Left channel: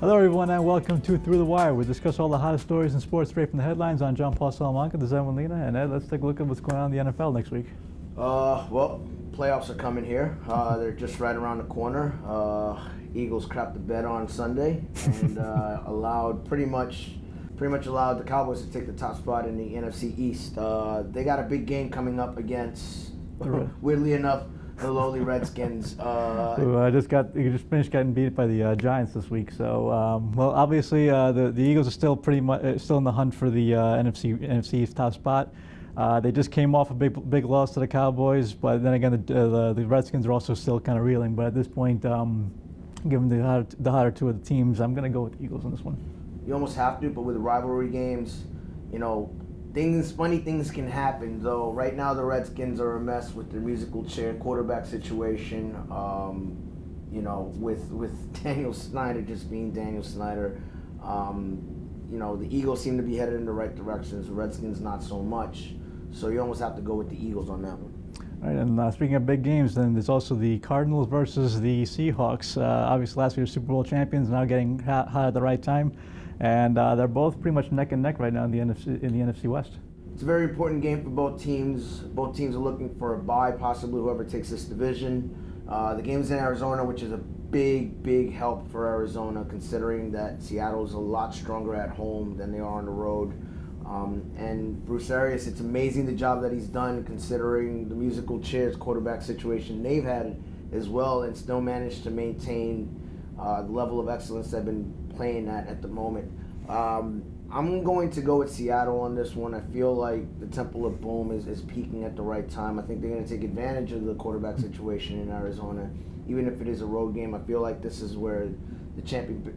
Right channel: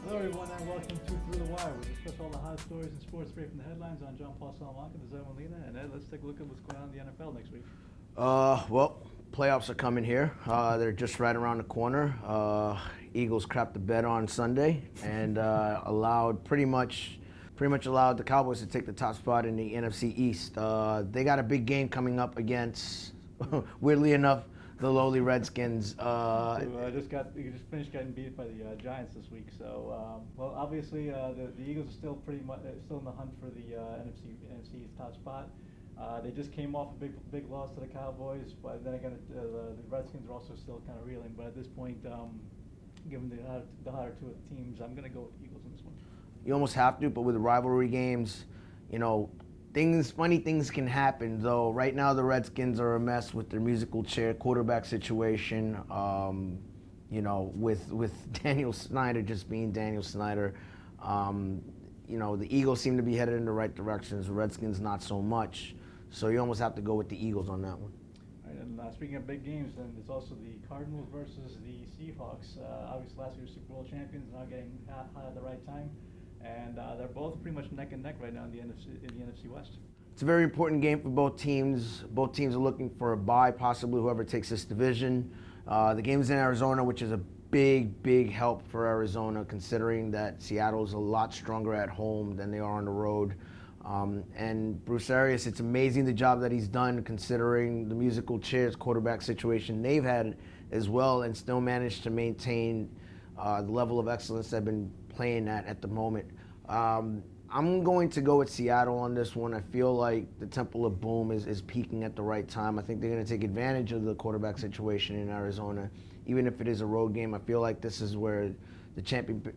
Hello everyone and welcome to Through the Wire. We discuss all the hottest stories in sports straight from the headlines. I'm John Paul Salamanca, this is Edwin Lena, and Ed, let's take a look at what's going on in the NFL next week. Well, playoffs are coming here. They're just right around the corner. Eagles crapped the bed on Sunday and pretty much allowed the Cowboys to take the top spot in the NFC East. They got a big game coming up against, weirdly enough, the lowly Redskins. You just finished getting beat by the Giants this week. So, obviously the Eagles are still pretty much still in the hunt for the NFC East top spot. They just came off a big loss to the Cowboys, but then again the Redskins are also still kind of reeling. But at this point, given the hotter two of the teams, I'm going to go with the Eagles on this one. You almost have to, but with the rivalry games, funny things can happen. Though right now the Redskins are a mess with their musical chair quarterback situation. With Daniel Snyder just being Daniel Snyder. The Eagles seem to be headed in the right directions. The Redskins not so much. So you almost have to go with the Eagles on that one. All right, and speaking of big games, then there's also the Cardinals versus the Seahawks. Obviously, last year's Super Bowl champions, now getting hot at the right time, and they're both pretty much neck and neck right now in the NFC West. It's a very important game for both teams. Both teams are looking for a bye, possibly whoever takes this division. The game's in Arizona, which is a big help for Arizona, considering that Seattle is a lot stronger at home than they are on the road. And Bruce Arians, it's amazing the job that he's done considering the musical chairs quarterback situation they've had as well, and still managed to maintain the level of excellence they've been playing at the moment. I'm going to go with Seattle on this one. I feel like the Temple of Boom is peaking at the right time. I think they're going to take advantage of the quarterback situation in Arizona. Even if it is a road game, I feel like this is where the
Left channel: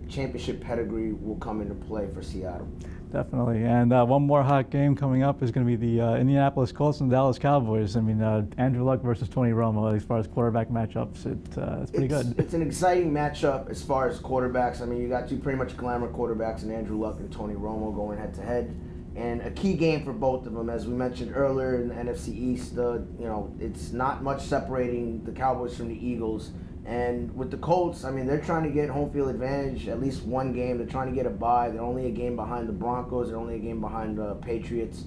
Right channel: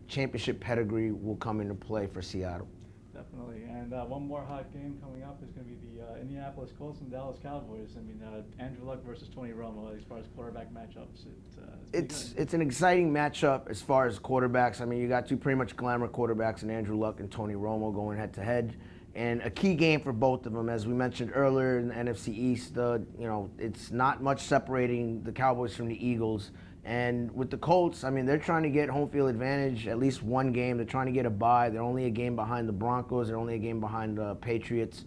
championship pedigree will come into play for Seattle. Definitely, and one more hot game coming up is going to be the Indianapolis Colts and Dallas Cowboys. I mean, Andrew Luck versus Tony Romo, as far as quarterback matchups, it's pretty good. It's an exciting matchup as far as quarterbacks. I mean, you got two pretty much glamour quarterbacks in Andrew Luck and Tony Romo going head-to-head. And a key game for both of them, as we mentioned earlier in the NFC East, it's not much separating the Cowboys from the Eagles. And with the Colts, I mean, they're trying to get home field advantage, at least one game. They're trying to get a bye. They're only a game behind the Broncos. They're only a game behind the Patriots.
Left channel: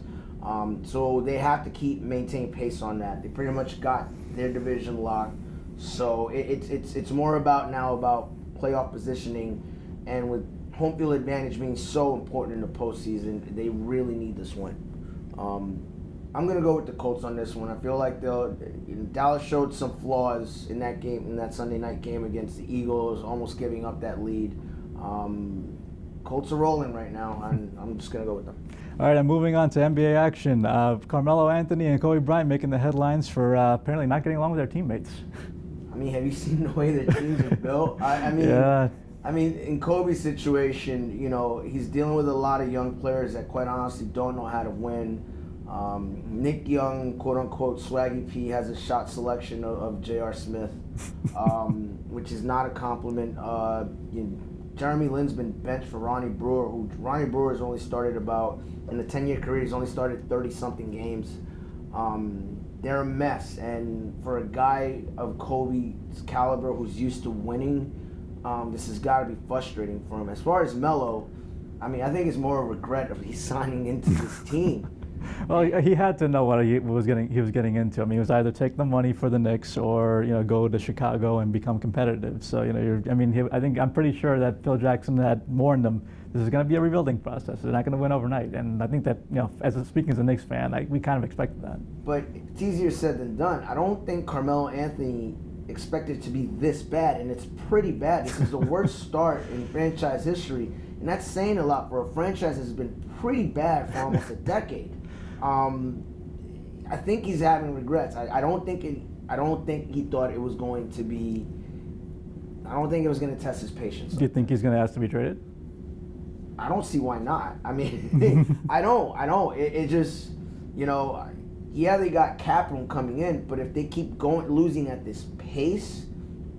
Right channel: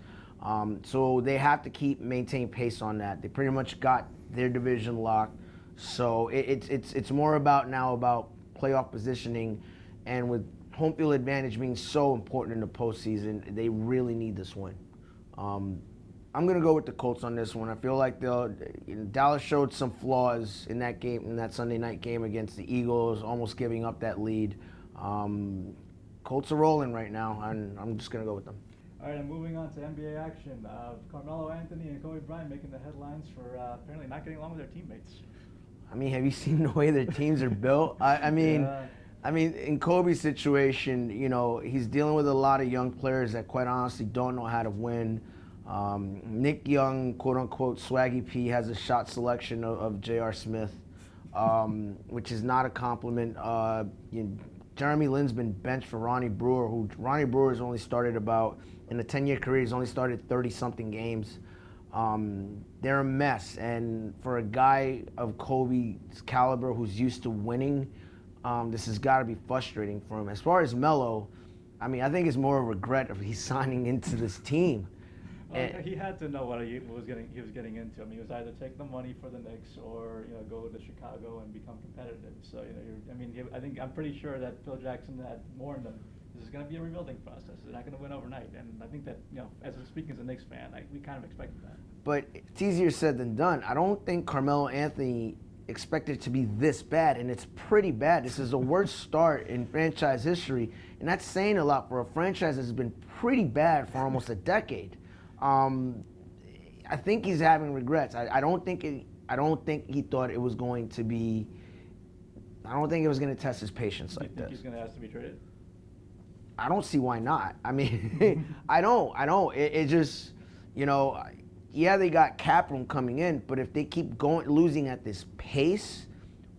So they have to maintain pace on that. They pretty much got their division locked. So it's more about playoff positioning, and with home field advantage being so important in the postseason, they really need this win. I'm going to go with the Colts on this one. I feel like Dallas showed some flaws in that game, in that Sunday night game against the Eagles, almost giving up that lead. Colts are rolling right now, and I'm just going to go with them. All right, and moving on to NBA action. Carmelo Anthony and Kobe Bryant making the headlines for apparently not getting along with their teammates. I mean, have you seen the way their teams are built? I mean, in Kobe's situation, he's dealing with a lot of young players that quite honestly don't know how to win. Nick Young, quote-unquote, Swaggy P, has a shot selection of J.R. Smith, which is not a compliment. Jeremy Lin's been benched for Ronnie Brewer, who Ronnie Brewer has only started in a 10-year career, he's only started 30-something games. They're a mess, and for a guy of Kobe's caliber who's used to winning, this has got to be frustrating for him. As far as Melo, I mean, I think it's more a regret of he's signing into this team. Well, he had to know what he was getting into. I mean, it was either take the money for the Knicks or go to Chicago and become competitive. So I'm pretty sure that Phil Jackson had warned them this is going to be a rebuilding process. They're not going to win overnight. And I think that speaking as a Knicks fan, we kind of expected that. But it's easier said than done. I don't think Carmelo Anthony expected it to be this bad, and it's pretty bad. This is the worst start in franchise history, and that's saying a lot for a franchise that's been pretty bad for almost a decade. I think he's having regrets. I don't think he thought it was going to be. I don't think it was going to test his patience. Do you think he's going to ask to be traded? I don't see why not. I mean, I don't. It just, yeah, they got cap room coming in, but if they keep losing at this pace,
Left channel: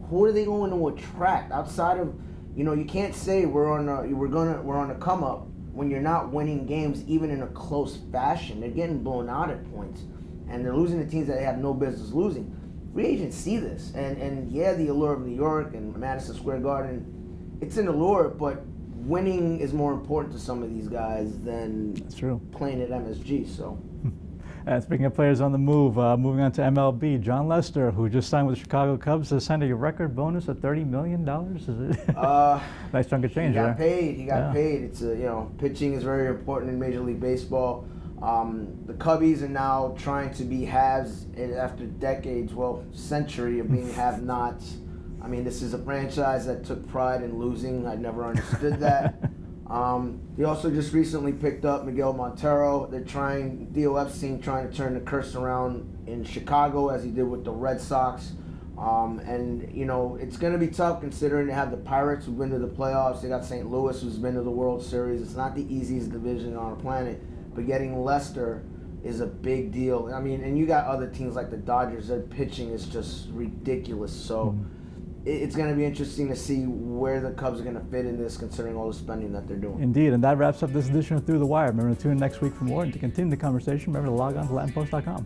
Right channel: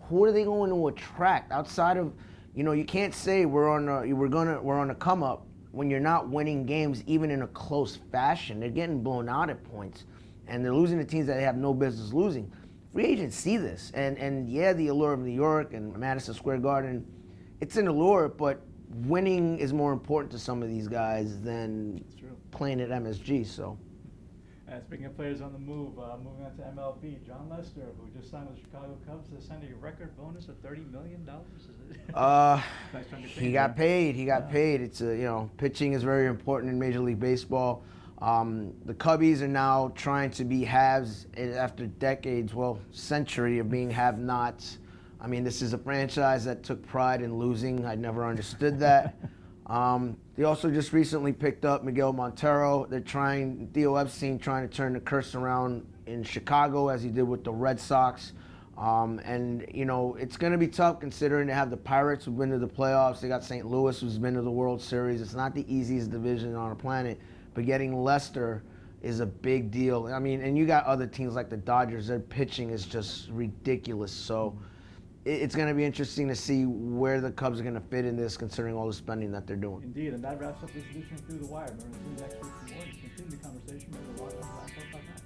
who are they going to attract outside of, you can't say we're on the come up when you're not winning games even in a close fashion. They're getting blown out at points, and they're losing to teams that they have no business losing. Free agents see this, and yeah, the allure of New York and Madison Square Garden, it's an allure, but winning is more important to some of these guys than That's true. playing at MSG. So. Speaking of players on the move, moving on to MLB, Jon Lester, who just signed with the Chicago Cubs, has signed a record bonus of $30 million. Is it? Nice chunk of change. He got there. paid. He got paid. It's pitching is very important in Major League Baseball. The Cubbies are now trying to be haves after decades, well, century of being have-nots. I mean, this is a franchise that took pride in losing. I never understood that. They also just recently picked up Miguel Montero. Theo Epstein trying to turn the curse around in Chicago as he did with the Red Sox. It's going to be tough considering they have the Pirates who've been to the playoffs. They got St. Louis who's been to the World Series. It's not the easiest division on our planet, but getting Lester is a big deal. I mean, and you got other teams like the Dodgers. Their pitching is just ridiculous. So it's going to be interesting to see where the Cubs are going to fit in this, considering all the spending that they're doing. Indeed, and that wraps up this edition of Through the Wire. Remember to tune in next week for more, and to continue the conversation, remember to log on to LatinPost.com.